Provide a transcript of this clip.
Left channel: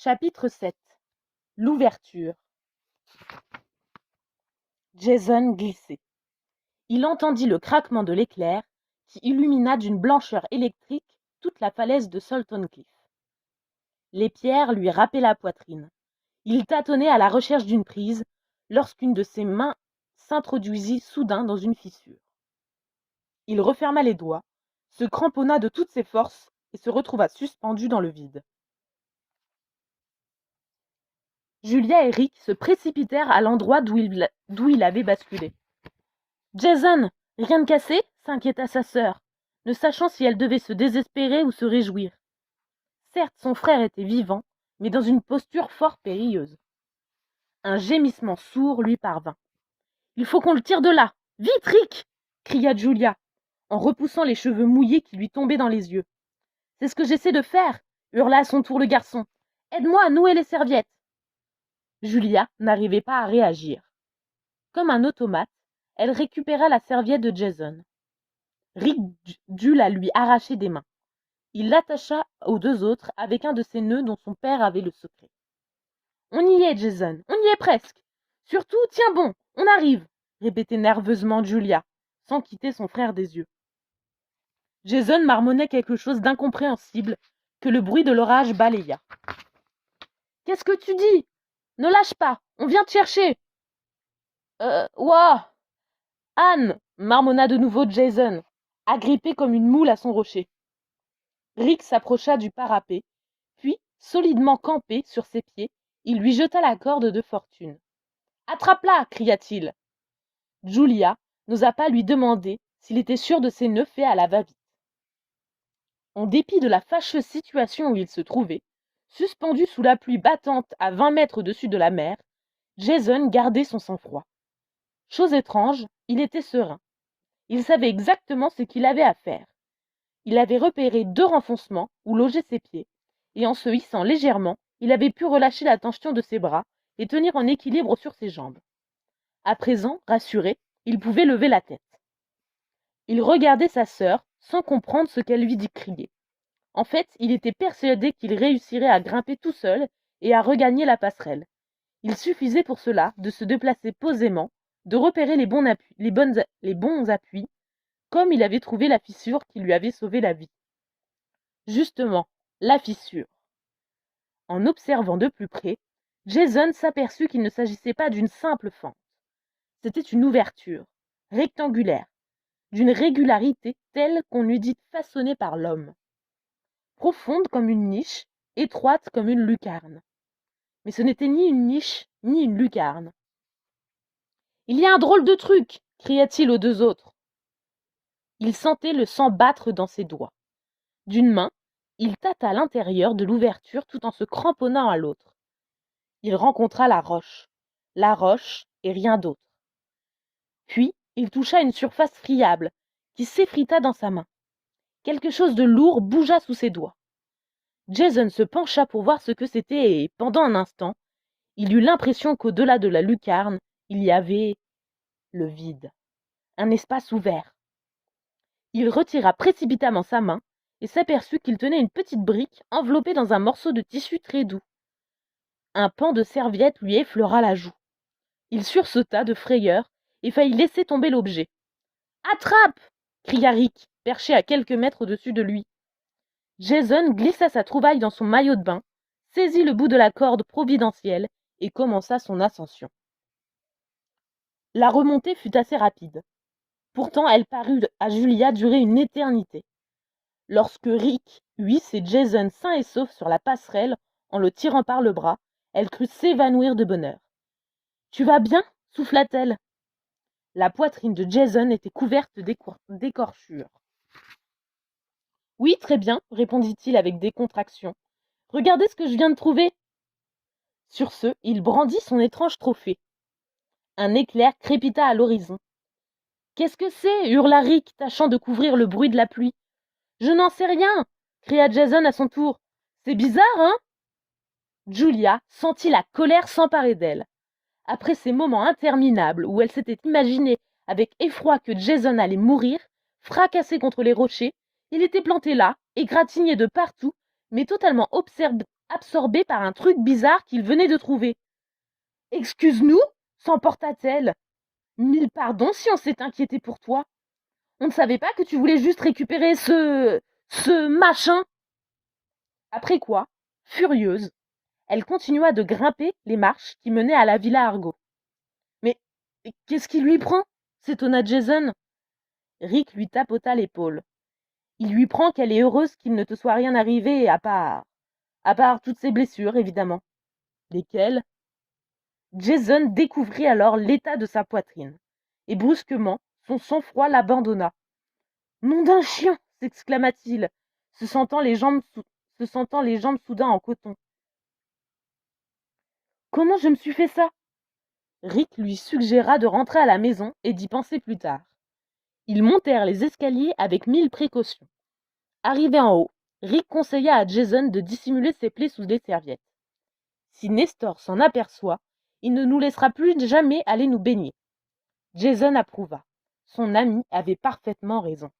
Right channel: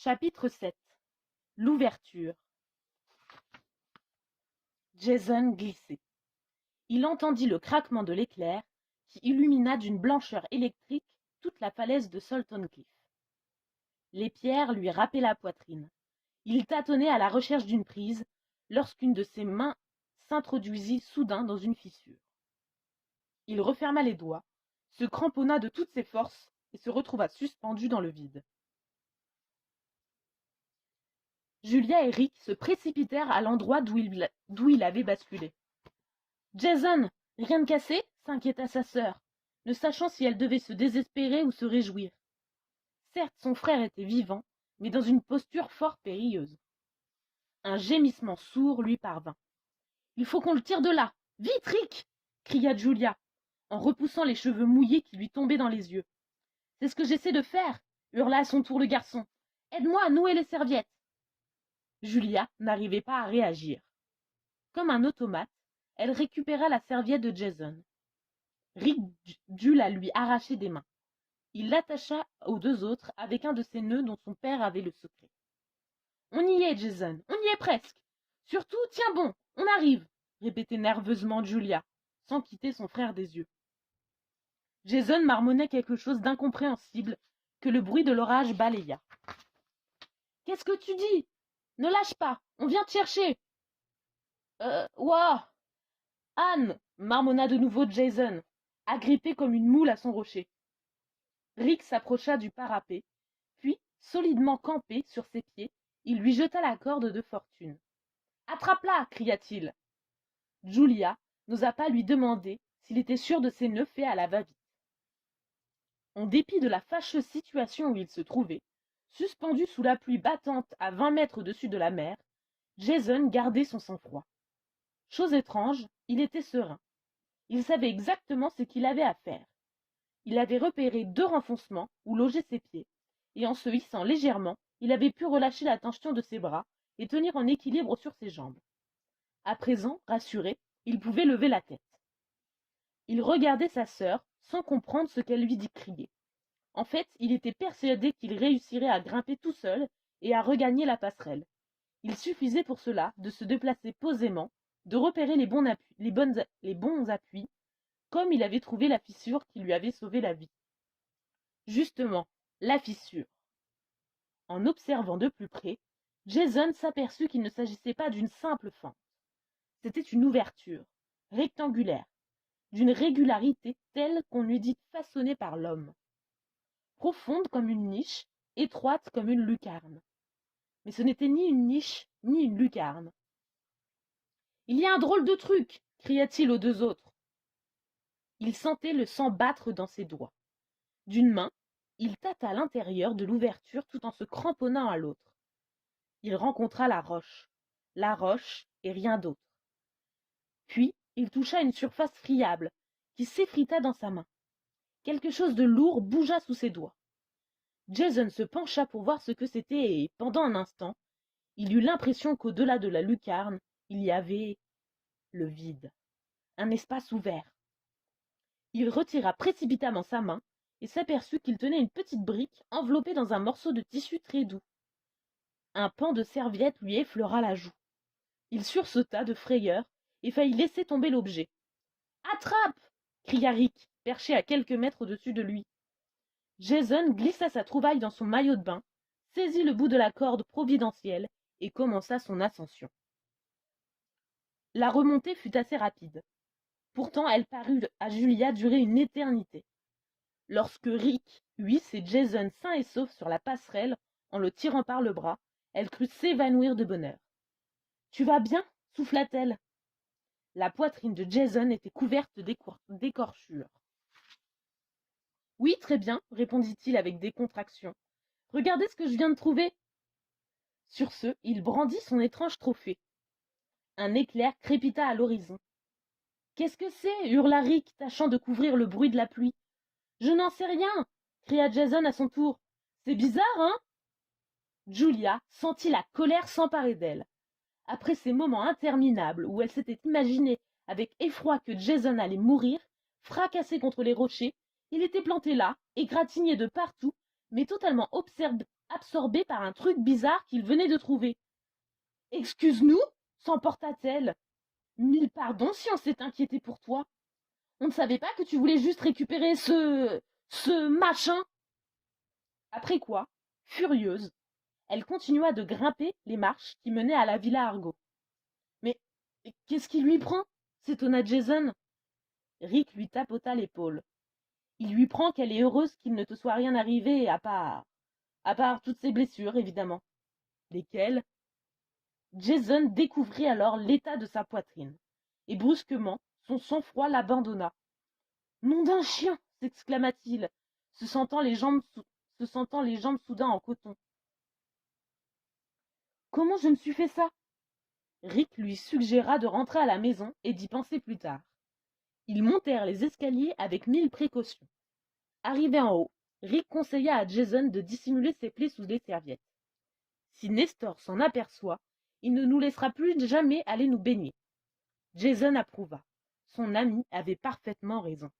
Chapitre 7. L'ouverture. Jason glissait. Il entendit le craquement de l'éclair qui illumina d'une blancheur électrique toute la falaise de Salton Cliff. Les pierres lui râpaient la poitrine. Il tâtonnait à la recherche d'une prise lorsqu'une de ses mains s'introduisit soudain dans une fissure. Il referma les doigts, se cramponna de toutes ses forces et se retrouva suspendu dans le vide. Julia et Rick se précipitèrent à l'endroit d'où il avait basculé. « Jason, rien de cassé ?» s'inquiéta sa sœur, ne sachant si elle devait se désespérer ou se réjouir. Certes, son frère était vivant, mais dans une posture fort périlleuse. Un gémissement sourd lui parvint. « Il faut qu'on le tire de là. Vite, Rick !» cria Julia, en repoussant les cheveux mouillés qui lui tombaient dans les yeux. « C'est ce que j'essaie de faire !» hurla à son tour le garçon. « Aide-moi à nouer les serviettes !» Julia n'arrivait pas à réagir. Comme un automate, elle récupéra la serviette de Jason. Rick dut la lui arracher des mains. Il l'attacha aux deux autres avec un de ces nœuds dont son père avait le secret. « On y est, Jason, on y est presque. Surtout, tiens bon, on arrive !» répétait nerveusement Julia, sans quitter son frère des yeux. Jason marmonnait quelque chose d'incompréhensible que le bruit de l'orage balaya. « Qu'est-ce que tu dis ? Ne lâche pas, on vient te chercher !» Ouah !» Anne, marmonna de nouveau Jason, agrippé comme une moule à son rocher. Rick s'approcha du parapet, puis, solidement campé sur ses pieds, il lui jeta la corde de fortune. « Attrape-la !» cria-t-il. Julia n'osa pas lui demander s'il était sûr de ses nœuds faits à la va-vite. En dépit de la fâcheuse situation où il se trouvait, suspendu sous la pluie battante à 20 mètres au-dessus de la mer, Jason gardait son sang-froid. Chose étrange, il était serein. Il savait exactement ce qu'il avait à faire. Il avait repéré 2 renfoncements où logeaient ses pieds, et en se hissant légèrement, il avait pu relâcher la tension de ses bras et tenir en équilibre sur ses jambes. À présent, rassuré, il pouvait lever la tête. Il regardait sa sœur sans comprendre ce qu'elle lui décriait. En fait, il était persuadé qu'il réussirait à grimper tout seul et à regagner la passerelle. Il suffisait pour cela de se déplacer posément, de repérer les bons appuis, comme il avait trouvé la fissure qui lui avait sauvé la vie. Justement, la fissure. En observant de plus près, Jason s'aperçut qu'il ne s'agissait pas d'une simple fente. C'était une ouverture, rectangulaire, d'une régularité telle qu'on eût dit façonnée par l'homme. Profonde comme une niche, étroite comme une lucarne. Mais ce n'était ni une niche, ni une lucarne. « Il y a un drôle de truc !» cria-t-il aux 2 autres. Il sentait le sang battre dans ses doigts. D'une main, il tâta l'intérieur de l'ouverture tout en se cramponnant à l'autre. Il rencontra la roche et rien d'autre. Puis, il toucha une surface friable qui s'effrita dans sa main. Quelque chose de lourd bougea sous ses doigts. Jason se pencha pour voir ce que c'était et, pendant un instant, il eut l'impression qu'au-delà de la lucarne, il y avait le vide, un espace ouvert. Il retira précipitamment sa main et s'aperçut qu'il tenait une petite brique enveloppée dans un morceau de tissu très doux. Un pan de serviette lui effleura la joue. Il sursauta de frayeur et faillit laisser tomber l'objet. « Attrape !» cria Rick, perché à quelques mètres au-dessus de lui. Jason glissa sa trouvaille dans son maillot de bain, saisit le bout de la corde providentielle et commença son ascension. La remontée fut assez rapide. Pourtant, elle parut à Julia durer une éternité. Lorsque Rick eut hissé Jason sain et sauf sur la passerelle en le tirant par le bras, elle crut s'évanouir de bonheur. « Tu vas bien ?» souffla-t-elle. La poitrine de Jason était couverte d'écorchures. « Oui, très bien, » répondit-il avec décontraction. « Regardez ce que je viens de trouver. » Sur ce, il brandit son étrange trophée. Un éclair crépita à l'horizon. « Qu'est-ce que c'est ?» hurla Rick, tâchant de couvrir le bruit de la pluie. « Je n'en sais rien !» cria Jason à son tour. « C'est bizarre, hein ?» Julia sentit la colère s'emparer d'elle. Après ces moments interminables où elle s'était imaginé avec effroi que Jason allait mourir, fracassé contre les rochers, il était planté là, égratigné de partout, mais totalement absorbé par un truc bizarre qu'il venait de trouver. Excuse-nous, s'emporta-t-elle. Mille pardons si on s'est inquiété pour toi. On ne savait pas que tu voulais juste récupérer ce machin. Après quoi, furieuse, elle continua de grimper les marches qui menaient à la villa Argo. Mais qu'est-ce qui lui prend s'étonna Jason. Rick lui tapota l'épaule. Il lui prend qu'elle est heureuse qu'il ne te soit rien arrivé à part toutes ses blessures, évidemment. Lesquelles? Jason découvrit alors l'état de sa poitrine, et brusquement, son sang-froid l'abandonna. Nom d'un chien! S'exclama-t-il, se sentant les jambes soudain en coton. Comment je me suis fait ça? Rick lui suggéra de rentrer à la maison et d'y penser plus tard. Ils montèrent les escaliers avec 1000 précautions. Arrivé en haut, Rick conseilla à Jason de dissimuler ses plaies sous des serviettes. Si Nestor s'en aperçoit, il ne nous laissera plus jamais aller nous baigner. Jason approuva. Son ami avait parfaitement raison.